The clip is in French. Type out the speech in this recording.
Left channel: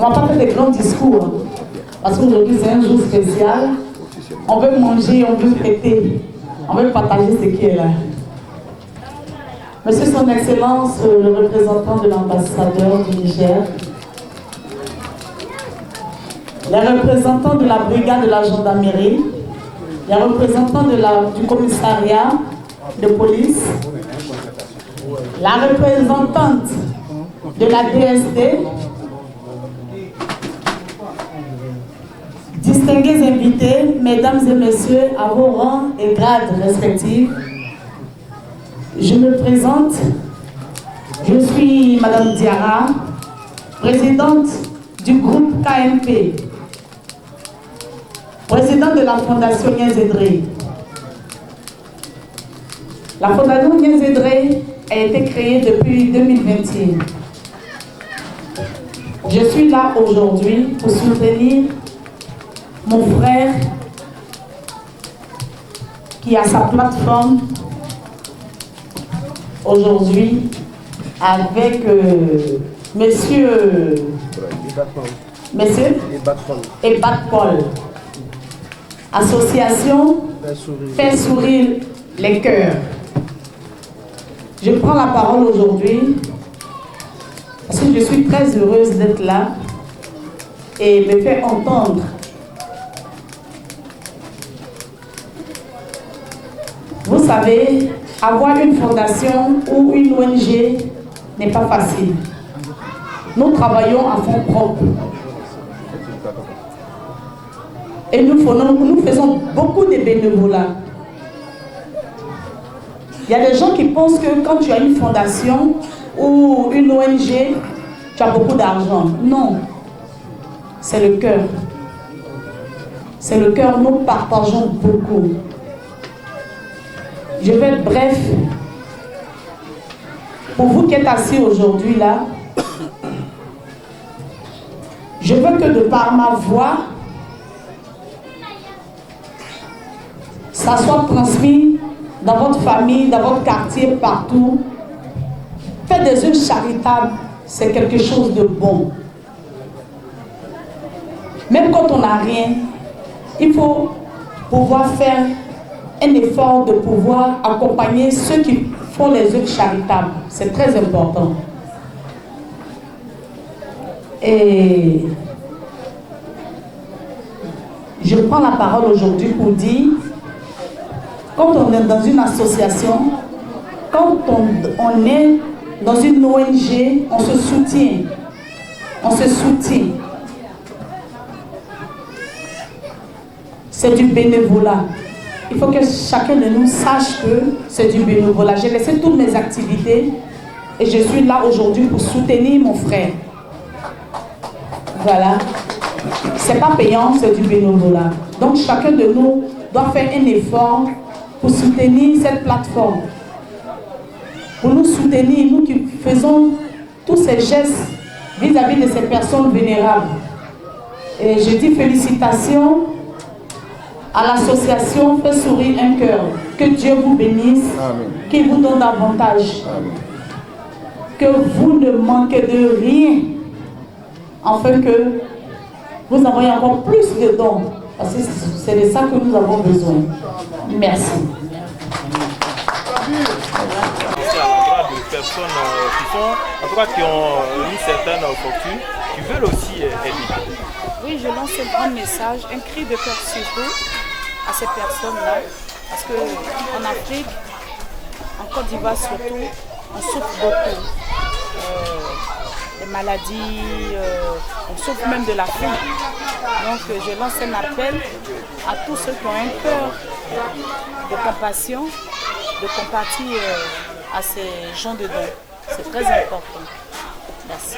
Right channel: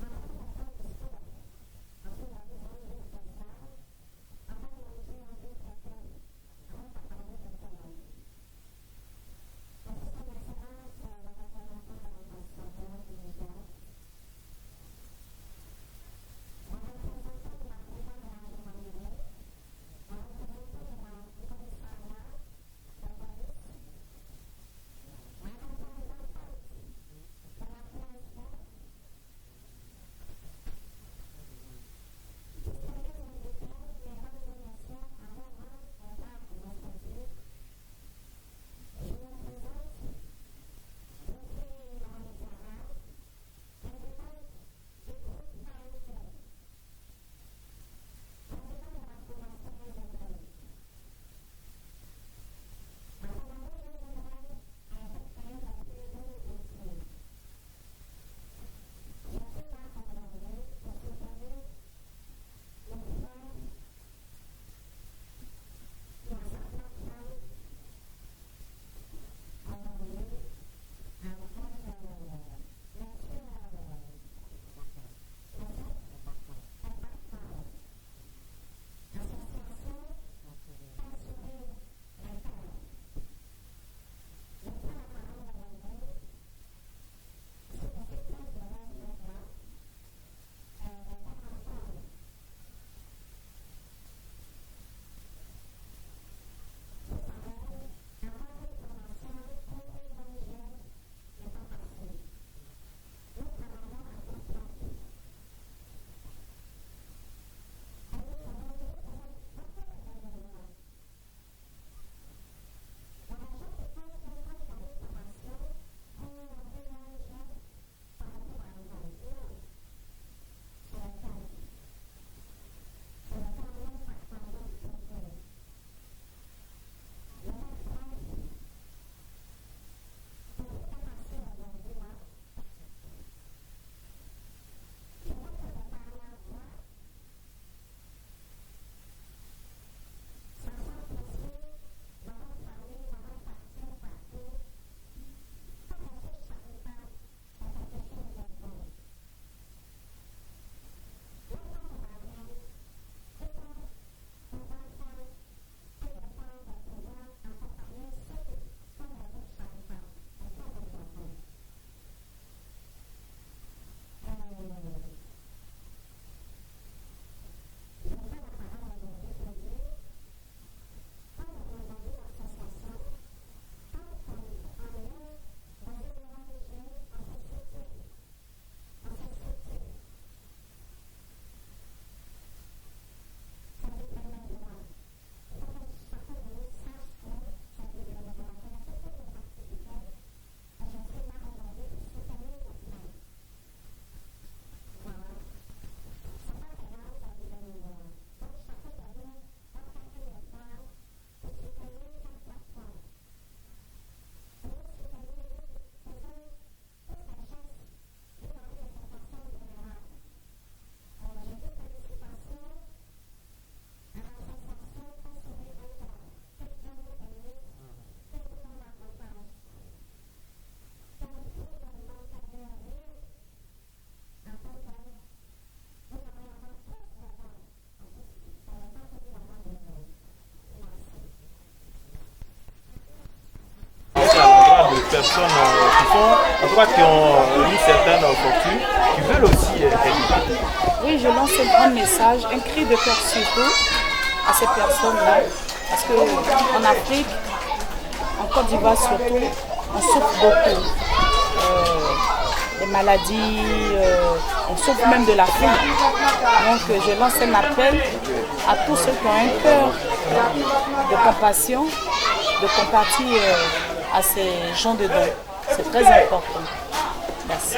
On ne va pas faire des grands discours, hein, parce qu'aujourd'hui c'est un jour spécial. On veut manger, on veut fêter, on veut partager ce qui est là. Monsieur Son Excellence, le représentant de l'ambassadeur du Niger, les représentants de la brigade de la gendarmerie, les représentants du commissariat de police, la représentante de la DST, distingués invités, mesdames et messieurs, à vos rangs et grades respectifs, je me présente, je suis Madame Diarra, présidente du groupe KMP, présidente de la Fondation Nienzedre. La Fondation Nienzedre a été créée depuis 2021. Je suis là aujourd'hui pour soutenir mon frère qui a sa plateforme aujourd'hui avec monsieur Ebat-Paul, association Fait sourire les cœurs. Je prends la parole aujourd'hui parce que je suis très heureuse d'être là et me faire entendre. Vous savez, avoir une fondation ou une ONG n'est pas facile. Nous travaillons à fond propre. Et nous faisons beaucoup de bénévolat. Il y a des gens qui pensent que quand tu as une fondation ou une ONG, tu as beaucoup d'argent. Non, c'est le cœur. C'est le cœur, nous partageons beaucoup. Je vais être bref. Pour vous qui êtes assis aujourd'hui là, je veux que de par ma voix, ça soit transmis dans votre famille, dans votre quartier, partout. Faire des œuvres charitables, c'est quelque chose de bon. Même quand on n'a rien, il faut pouvoir faire un effort de pouvoir accompagner ceux qui font les œuvres charitables. C'est très important. Et je prends la parole aujourd'hui pour dire, quand on est dans une association, quand on est dans une ONG, on se soutient. On se soutient. C'est du bénévolat. Il faut que chacun de nous sache que c'est du bénévolat. J'ai laissé toutes mes activités et je suis là aujourd'hui pour soutenir mon frère. Voilà. C'est pas payant, c'est du bénévolat. Donc chacun de nous doit faire un effort pour soutenir cette plateforme. Pour nous soutenir, nous qui faisons tous ces gestes vis-à-vis de ces personnes vénérables. Et je dis félicitations à l'association Fait sourire un cœur. Que Dieu vous bénisse, qu'il vous donne davantage. Amen. Que vous ne manquez de rien, afin que vous envoyez encore plus de dons. Parce que c'est de ça que nous avons besoin. Merci. C'est à l'endroit de personnes qui sont, en tout cas qui ont une certaine fortune, qui veulent aussi aider. Oui, je lance un grand message, un cri de cœur surtout à ces personnes-là, parce qu'en Afrique, en Côte d'Ivoire surtout, on souffre beaucoup. Des maladies, on souffre même de la faim. Donc je lance un appel à tous ceux qui ont un cœur de compassion, de compatir à ces gens de dons. C'est très important. Merci.